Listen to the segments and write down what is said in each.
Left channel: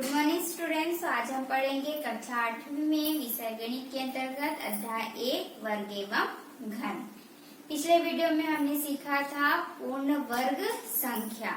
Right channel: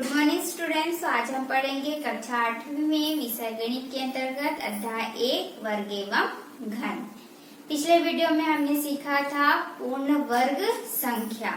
Good morning students. आज हम पढ़ेंगे कक्षा 8वीं में विषय गणित के अंतर्गत अध्याय 1 वर्ग एवं घन। पिछले वीडियो में हमने सीखा था पूर्ण वर्ग संख्या।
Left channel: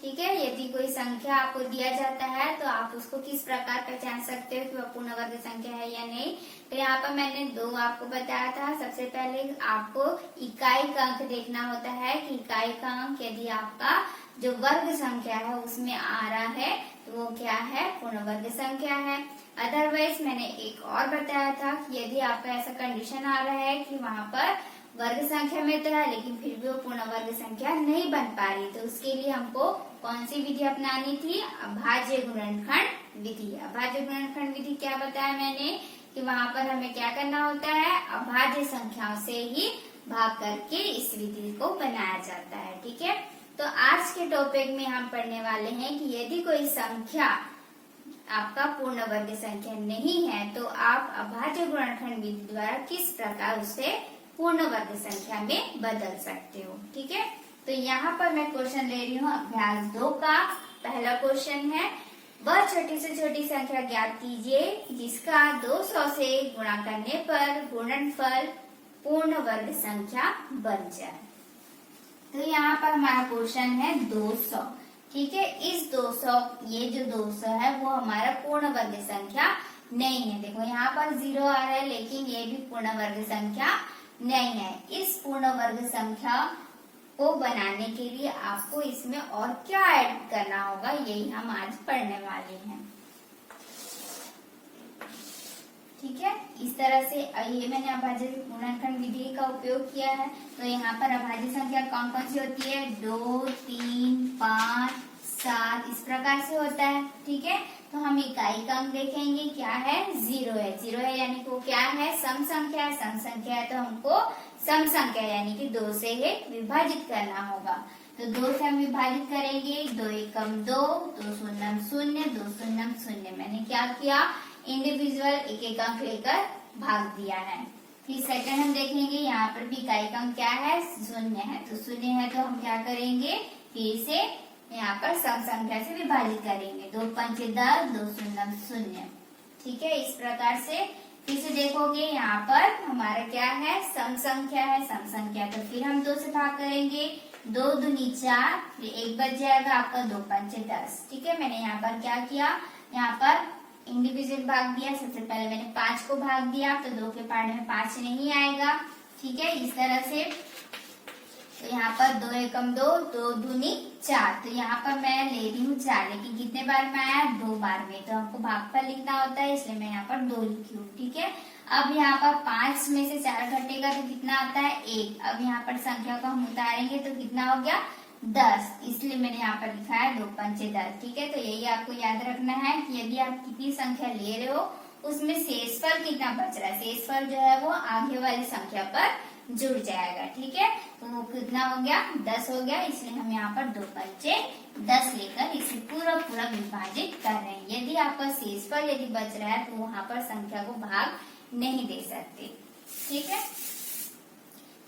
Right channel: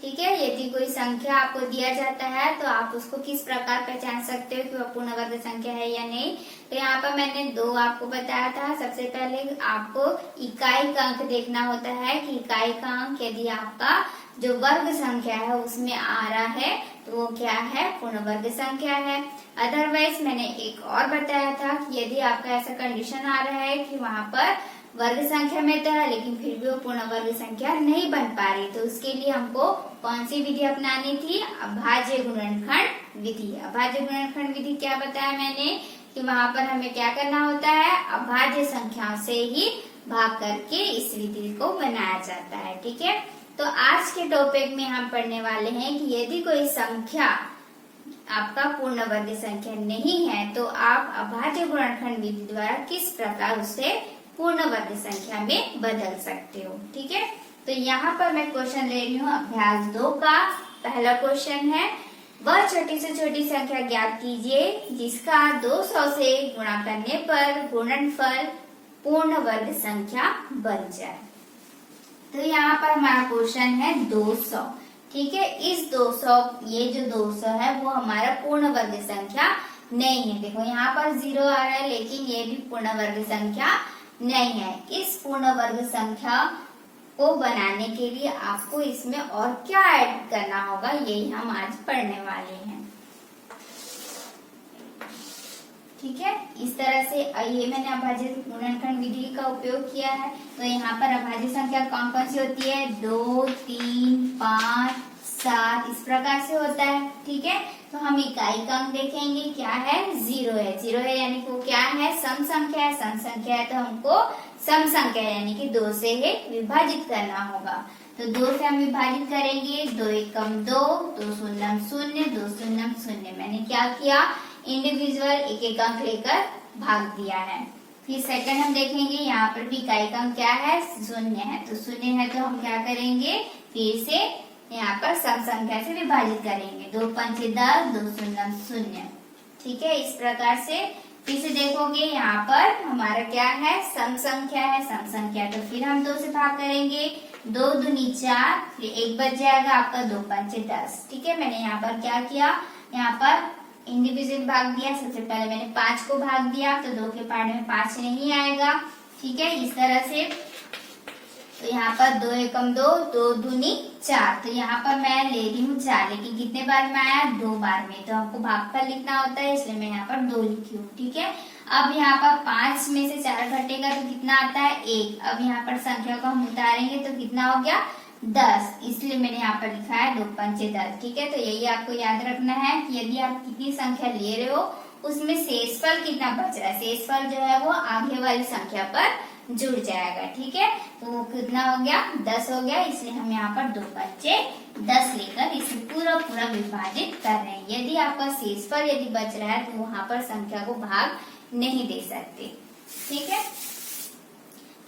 ठीक है, यदि कोई संख्या आपको दिया जाता है तो आप उसको किस प्रकार पहचान सकते हो कि वह पूर्ण वर्ग संख्या है या नहीं। तो यहाँ पर मैंने दो आपको बताया था। सबसे पहले आपको इकाई का अंक देखना होता है कि इकाई का अंक यदि आपका जो वर्ग संख्या है उसमें आ रहा है तो वो क्या है, पूर्ण वर्ग संख्या है। अदरवाइज मैंने एक और बताया था कि यदि आपका ऐसा कंडीशन आ रहा है कि वहाँ पर वर्ग संख्या में तो है लेकिन फिर भी वो पूर्ण वर्ग संख्या नहीं बन पा रही, तो उसके लिए हमको कौन सी विधि अपनानी थी, अभाज्य गुणनखंड विधि। अभाज्य गुणनखंड विधि क्या बताया मैंने कि वहाँ पर हमें क्या करना होता है, अभाज्य संख्याओं से ही भाग करके इस विधि को बनाया जाता है। ठीक है, तो आज के टॉपिक में हम पढ़ने वाले हैं कि यदि कोई संख्या आपका पूर्ण वर्ग संख्या नहीं है तो आप अभाज्य गुणनखंड विधि द्वारा किस प्रकार उसे पूर्ण वर्ग संख्या में बदल सकते हो। ठीक है, तो यहाँ पर मैं क्वेश्चन ले रही हूँ अभ्यास 2 का। पहला क्वेश्चन है, वह छोटी से छोटी संख्या ज्ञात कीजिए जिसका 200 से गुणा करने पर गुणनफल पूर्ण वर्ग संख्या बन जाए। तो यहाँ पर हमारा क्वेश्चन है 200। ठीक है, इस 200 ये जो 200 है वो हमारा पूर्ण वर्ग संख्या नहीं है। देखो यहाँ पर 0 आ रहा है लेकिन ये भी पूर्ण वर्ग संख्या नहीं है। इस पूर्ण वर्ग संख्या को बनाने के लिए आपको इसमें और क्या ऐड करना होगा, यही हम आज पढ़ने वाले हैं। ठीक है, इस तरह से ये मैंने अभाज्य गुणनखंड विधि का उपयोग किया है। तो यहाँ पर अभाज्य संख्या कौन कौन सी होती है, 2, 3, 5, 7 इस प्रकार से होता है। ठीक है, तो हम इकाई का अंक देखेंगे क्या है, 0 है। 0 है यानी कि वो क्या है, सम संख्या है। सम संख्या है तो हमको सम संख्या यानी कि 2 से ही विभाजित करना होगा। तो 2 से हम विभाजित करेंगे, 2 एकम 2, 2 शून्यम 0, 2 शून्यम 0। मैंने क्या किया, इंडिविजुअल एक एक अंक लेकर भाग दिया है। फिर सेकंड हम देखेंगे, यहाँ पर भी इकाई का अंक क्या है, 0 है। तो 0 है तो हम क्या करेंगे, फिर से यहाँ पर सम संख्या से विभाजित करेंगे, 2 पंचे 10, 2 शून्यम 0। ठीक है, इस प्रकार से फिर से देखोगे यहाँ पर हमारा क्या है, सम संख्या है। सम संख्या तो फिर हम 2 से भाग करेंगे, 2 दूनी 4, फिर 1 बच जाएगा आपका, 2 पंचे 10। ठीक है, मैंने यहाँ पर क्या किया, यहाँ पर इंडिविजुअल भाग दिया। सबसे पहले मैंने 5 को भाग दिया तो 2 के पार्ट में 5 नहीं आएगा। ठीक है, इस तरह से तो यहाँ पर 2 एकम 2, 2 दूनी 4। तो यहाँ पर मैं ले रही हूँ 4, लेकिन कितने बार में आया, 2 बार में। तो हमको भागफल लिखना होता है इसलिए मैं यहाँ पर 2 लिखी हूँ। ठीक है, अब यहाँ पर 5 में से 4 घटेगा तो कितना आता है, 1। अब यहाँ पर संख्या को हम उतारेंगे तो कितना हो गया, 10। इसलिए मैंने यहाँ पर लिखा है 2 पंचे 10। ठीक है, तो यही आपको याद रखना है कि यदि आप कितनी संख्या ले रहे हो उसमें शेषफल कितना बच रहा है। शेषफल जो है वो आगे वाली संख्या पर जुड़ जाएगा। ठीक है, तो वो कितना हो गया, 10 हो गया। इसलिए हम यहाँ पर 2 पंचे 10 लेकर इसे पूरा पूरा विभाजित कर रहे हैं। यदि आपका शेषफल यदि बच रहा है तो वहां पर संख्या को भाग नहीं दे सकते। ठीक है,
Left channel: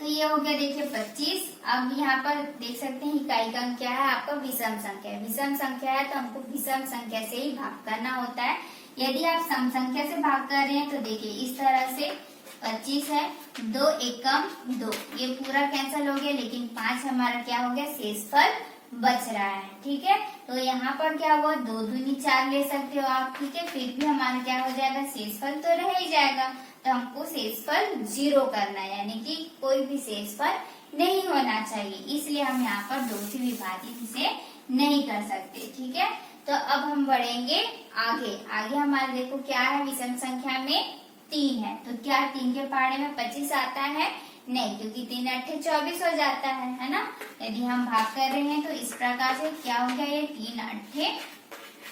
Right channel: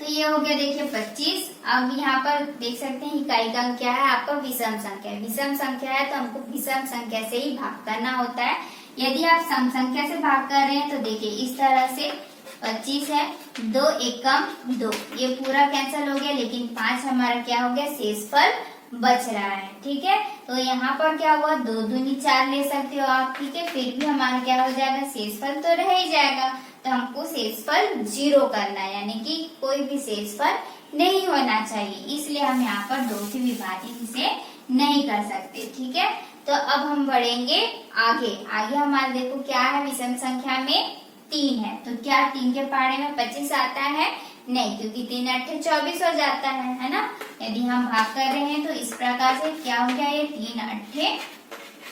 तो ये हो गया देखिए 25। अब यहाँ पर देख सकते हैं इकाई का अंक क्या है आपका, विषम संख्या। विषम संख्या है तो हमको विषम संख्या से ही भाग करना होता है। यदि आप सम संख्या से भाग कर रहे हैं तो देखिए इस तरह से 25 है, 2 एकम 2, ये पूरा कैंसिल हो गया लेकिन 5 हमारा क्या हो गया, शेषफल बच रहा है। ठीक है, तो यहाँ पर क्या हुआ, 2 दूनी 4 ले सकते हो आप। ठीक है, फिर भी हमारा क्या हो जाएगा, शेषफल तो रह ही जाएगा। तो हमको शेषफल 0 करना है यानी कि कोई भी शेषफल नहीं होना चाहिए, इसलिए हम यहाँ पर 2 से विभाजित इसे नहीं कर सकते। ठीक है, तो अब हम बढ़ेंगे आगे। आगे हमारे देखो क्या है, विषम संख्या में 3 है। तो क्या 3 के पारे में 25 आता है, नहीं, क्योंकि 3 अट्ठे 24 हो जाता है ना। यदि हम भाग कर रहे हैं तो इस प्रकार से क्या हो गया, ये 3 अट्ठे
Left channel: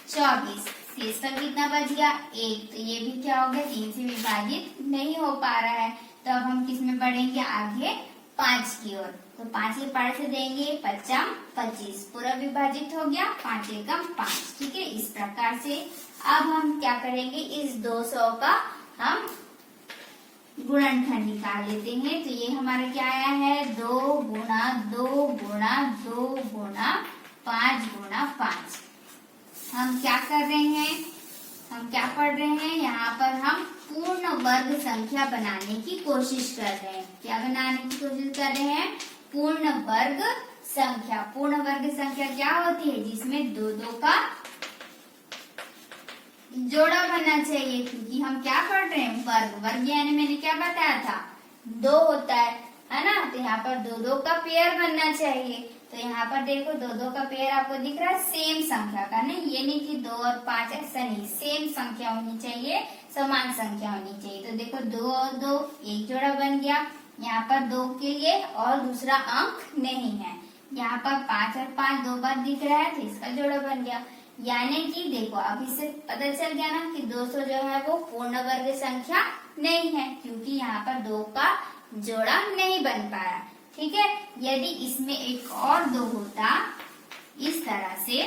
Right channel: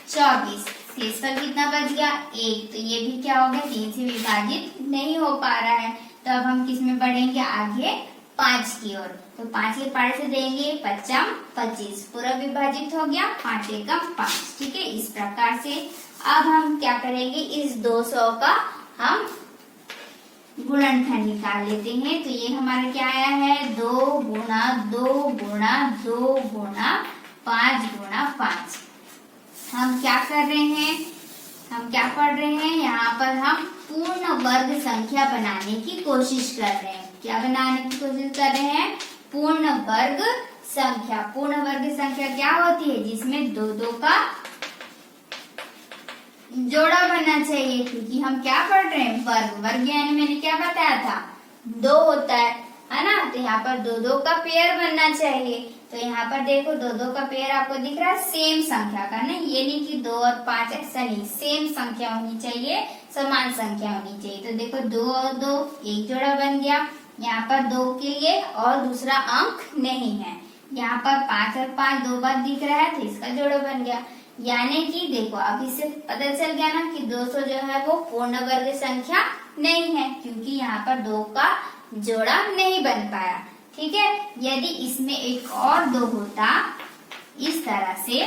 24। शेषफल कितना बच गया, 1। तो ये भी क्या हो गया, 3 से विभाजित नहीं हो पा रहा है। तो अब हम किस में बढ़ेंगे, आगे 5 की ओर। तो 5 के पार से देंगे 5 25, पूरा विभाजित हो गया, 5 एकम 5। ठीक है, इस प्रकार से अब हम क्या करेंगे, इस 200 का हम गुणनखंड निकाल लेते हैं। तो ये हमारा क्या आया है, 2 गुणा 2 गुणा 2 गुणा 5 गुणा 5। हम क्या कर रहे हैं, हम क्या पढ़ रहे हैं, यहाँ पर हम पूर्ण वर्ग संख्या बनाने की कोशिश कर रहे हैं। क्या बनाने की कोशिश कर रहे हैं, पूर्ण वर्ग संख्या। पूर्ण वर्ग संख्या क्या होती है, जिसमें दो दो का जोड़ा बनना चाहिए, क्योंकि हम क्या पढ़ रहे हैं, वर्ग। वर्ग यानी मैंने क्या बताया था, दो होता है ना। तो यहाँ पर दो दो का पेयर बनना चाहिए। तो यहाँ पर देखो दो दो का पेयर आपको दिख रहा है, सेम संख्या का ना, ये नहीं कि 2 और 5 ऐसा नहीं, सेम संख्या होनी चाहिए, समान संख्या होनी चाहिए। तो देखो 2 और 2 एक जोड़ा बन गया, यहाँ पर 2 के लिए और दूसरा अंक नहीं है। यहाँ पर 5 और 5 दो बार दिख रहा है, तो इसका जोड़ा बन गया। यानी कि देखो अब इससे पता चल गया ना कि 200 जो है वो पूर्ण वर्ग संख्या नहीं है, क्योंकि यहाँ पर 2 का जोड़ा नहीं बन पाया। ठीक है, यदि इसमें एक और 2 होता इस तरह से,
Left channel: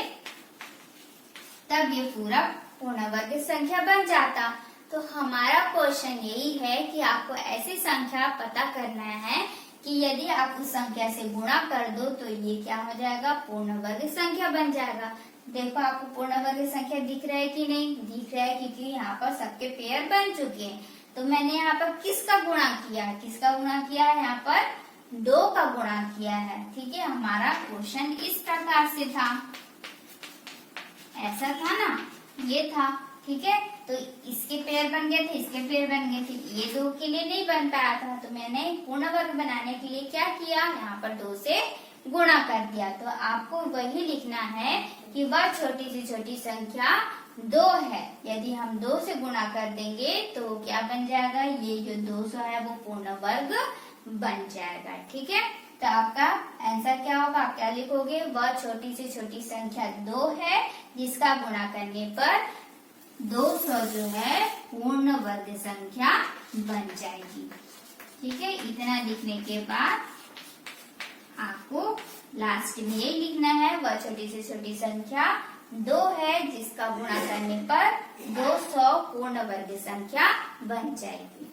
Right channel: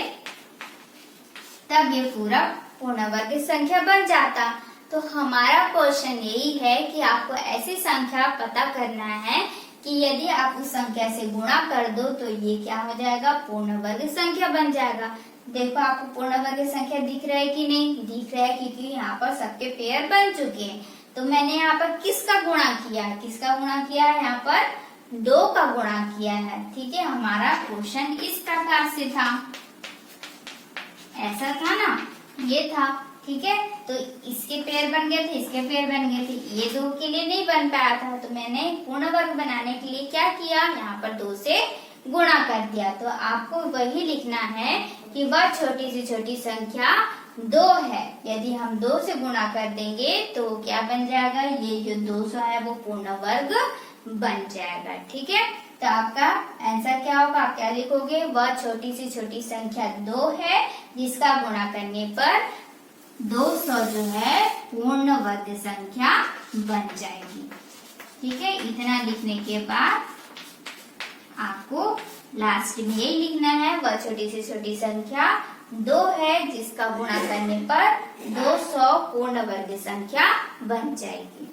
तब ये पूरा पूर्ण वर्ग संख्या बन जाता। तो हमारा क्वेश्चन यही है कि आपको ऐसी संख्या पता करना है कि यदि आप उस संख्या से गुणा कर दो तो ये क्या हो जाएगा, पूर्ण वर्ग संख्या बन जाएगा। देखो आपको पूर्ण वर्ग संख्या दिख रहा है कि नहीं, दिख रहा है, क्योंकि यहाँ पर सबके पेयर बन चुके हैं। तो मैंने यहाँ पर किसका गुणा किया है, किसका गुणा किया है, यहाँ पर 2 का गुणा किया है। ठीक है, हमारा क्वेश्चन इस प्रकार से था, ऐसा था ना, ये था। ठीक है, तो इसके पेयर बन गए थे, इसके पेयर बन गए थे, ये 2 के लिए नहीं बन पाया था। तो मैंने पूर्ण वर्ग बनाने के लिए क्या किया, यहाँ पर 2 से गुणा कर दिया। तो आपको वही लिखना है कि वह छोटी से छोटी संख्या 2 है। यदि हम 2 से गुणा कर देंगे तो क्या बन जाएगा, ये जो 200 है वो पूर्ण वर्ग बन जाएगा। ठीक है, तो आपका आंसर क्या होगा, आप क्या लिखोगे, वह छोटी से छोटी संख्या 2 है जिसका गुणा करने पर 200 जो है पूर्ण वर्ग संख्या बन जाएगी। ठीक है, इतना लिखने के बाद आपको लास्ट में यही लिखना है, वह छोटी से छोटी संख्या 2 है जिसका गुणा करने पर 200 पूर्ण वर्ग संख्या बन जाएगी।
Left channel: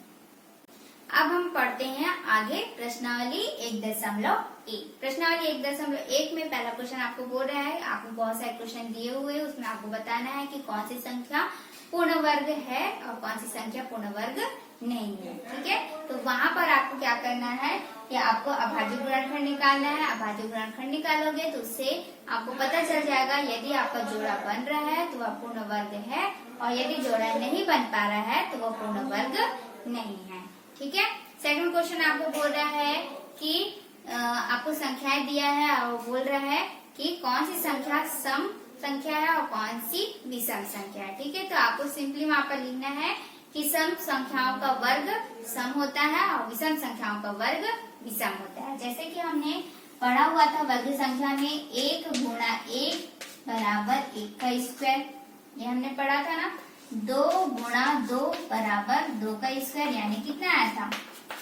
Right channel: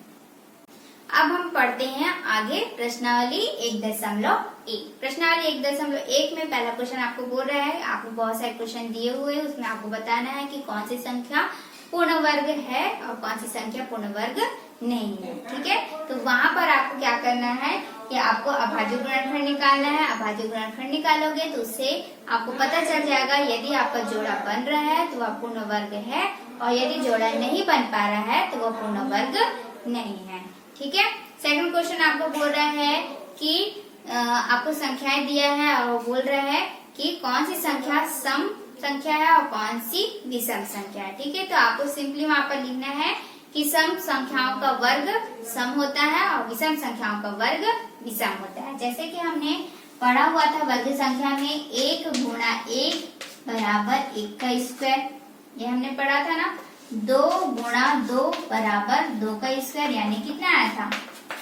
अब हम पढ़ते हैं आगे प्रश्नावली 1.1। प्रश्नावली 1.1 में पहला क्वेश्चन आपको बोल रहा है, आपको बहुत सारे क्वेश्चन दिए हुए हैं, उसमें आपको बताना है कि कौन सी संख्या पूर्ण वर्ग है और कौन सी संख्या पूर्ण वर्ग नहीं है। ठीक है, तो वहां पर आपको क्या करना है कि आपको अभाज्य गुणनखंड निकालना है। अभाज्य गुणनखंड निकालोगे तो उससे आपको पता चल जाएगा, यदि आपका जोड़ा बन रहा है तो वह पूर्ण वर्ग है, और यदि जोड़ा नहीं बन पा रहा है तो वह पूर्ण वर्ग नहीं है। ठीक है, सेकंड क्वेश्चन आपको बोल रहा है कि आपको संख्याएं दिया है और वो बोल रहा है कि कौन सी संख्या सम संख्या है और कौन सी विषम संख्या है। ठीक है, तो आपको सिंपली वहां पर लिखना है कि सम संख्याओं का वर्ग सम होता है और विषम संख्याओं का वर्ग विषम होता है। जैसे कि हमने पढ़ा हुआ था वर्ग संख्या में 1 गुणा 1 बराबर 1 का स्क्वायर, ये हमने पढ़ा था ना। 2 गुणा 2 बराबर 2 का स्क्वायर, यानी कितना आया था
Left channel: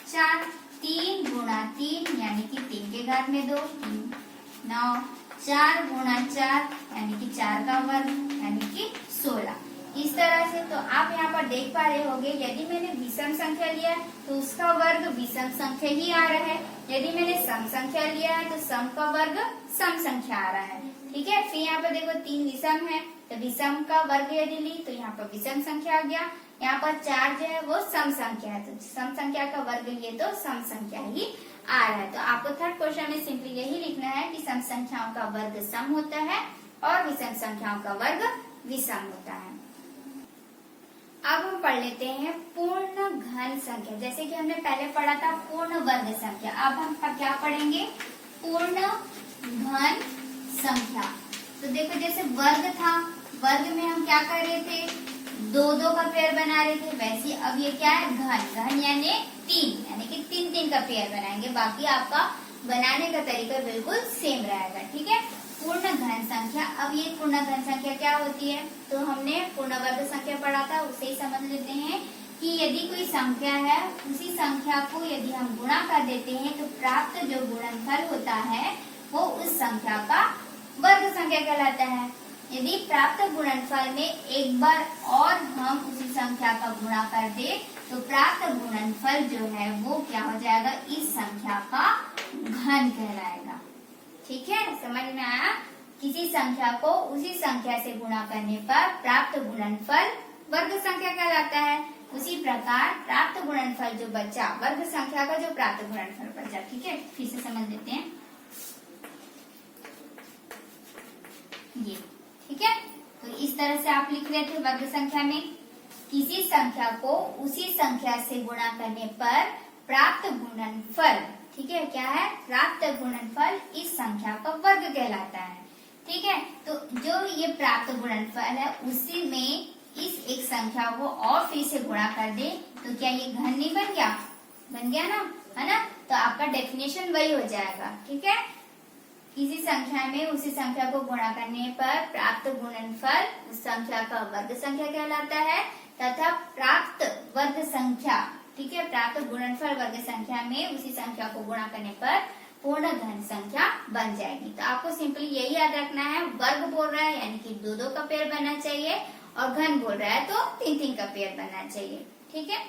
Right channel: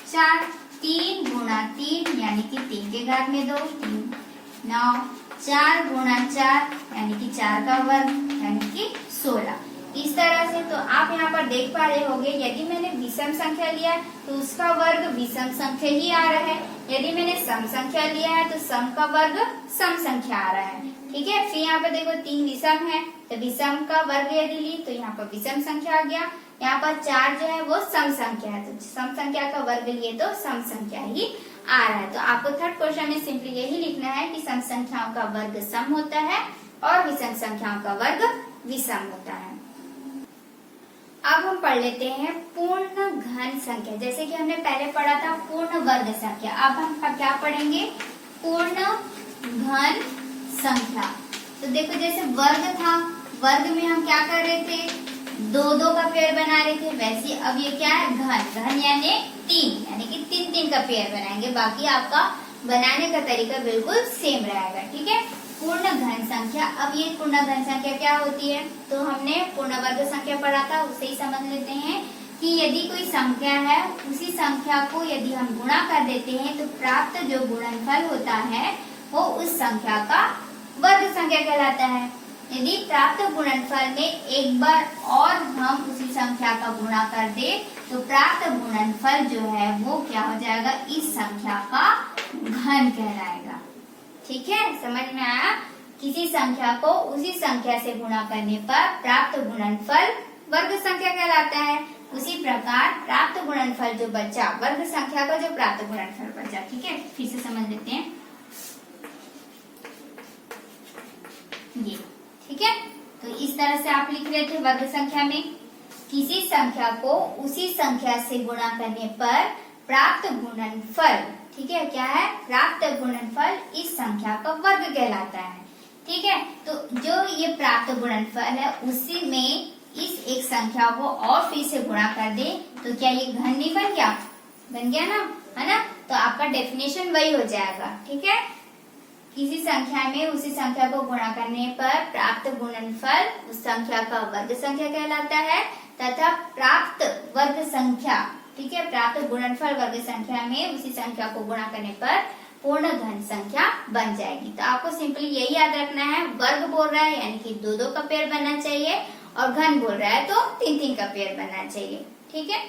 4। 3 गुणा 3 यानी कि 3 के घात में 2, 9। 4 गुणा 4 यानी कि 4 का वर्ग यानी कि 16। इस तरह से तो आप यहाँ पर देख पा रहे होंगे, यदि मैंने विषम संख्या लिया है तो उसका वर्ग विषम संख्या ही आ रहा है। यदि मैंने सम संख्या लिया है तो सम का वर्ग सम संख्या आ रहा है। ठीक है, फिर यहाँ पर देखो 3 विषम है, तो विषम का वर्ग यदि ली तो यहाँ पर विषम संख्या आ गया। यहाँ पर 4 जो है वो सम संख्या है, तो सम संख्या का वर्ग लिए तो सम संख्या ही आ रहा है। तो आपको थर्ड क्वेश्चन में सिंपली यही लिखना है कि सम संख्याओं का वर्ग सम होता है और विषम संख्याओं का वर्ग विषम होता है। अब हम पढ़ लेते हैं पूर्ण घन संख्या। जैसे कि हमने पहले पढ़ा था पूर्ण वर्ग संख्या, अब हम क्या पढ़ेंगे, पूर्ण घन संख्या। तो देखो जैसे वर्ग था, वर्ग में हम क्या कर रहे थे, 2-2 का पेयर बना रहे थे, वैसे अब ये क्या है, घन। घन यानी 3, यानी कि 3-3 का पेयर बनाएंगे। बाकी आपका बनाने का तरीका बिल्कुल सेम रहेगा। ठीक है, पूर्ण घन संख्या। अब ये पूर्ण घन संख्या क्या होती है, तो हमने पूर्ण वर्ग संख्या पढ़ा था, उससे ही समझ लेते हैं कि यदि कोई संख्या है, उसी संख्या को यदि हम गुणा कर देते हैं तो प्राप्त जो गुणनफल होता है वो उस संख्या का वर्ग संख्या कहलाता है। यदि प्राप्त गुणनफल में एक बार और हम उसी संख्या का गुणा कर दे तो प्राप्त गुणनफल जो है वो क्या हो जाएगा, इस संख्या का घन कहलाएगा। ठीक है, समझ में आया। किसी संख्या को उसी संख्या से गुणा करने पर प्राप्त गुणनफल वर्ग संख्या कहलाता है। उसी प्रकार प्राप्त गुणनफल जो बचा, वर्ग संख्या का जो प्राप्त गुणनफल बचा, ठीक है, फिर से समझ लेते हैं ये, ठीक है। तो इस तरह से आप लिख रहे थे वर्ग संख्या में किसी संख्या को उसी संख्या से गुणा करने पर प्राप्त गुणनफल, ठीक है, क्या है, प्राप्त गुणनफल इस संख्या का वर्ग कहलाता है, ठीक है। तो जो ये प्राप्त गुणनफल है उसी में इस एक संख्या को और फिर से गुणा कर दे तो क्या ये घन नहीं बन गया, बन गया ना, है ना। तो आपका डेफिनेशन वही हो जाएगा, ठीक है। किसी संख्या में उसी संख्या को गुणा करने पर प्राप्त गुणनफल उस संख्या का वर्ग संख्या कहलाता है तथा प्राप्त वर्ग संख्या, ठीक है, प्राप्त गुणनफल वर्ग संख्या में उसी संख्या को गुणा करने पर पूर्ण घन संख्या बन जाएगी। तो आपको सिंपली यही याद रखना है, वर्ग बोल रहा है यानी कि 2-2 का पेयर बनना चाहिए और घन बोल रहा है तो 3-3 का पेयर बनना चाहिए, ठीक है।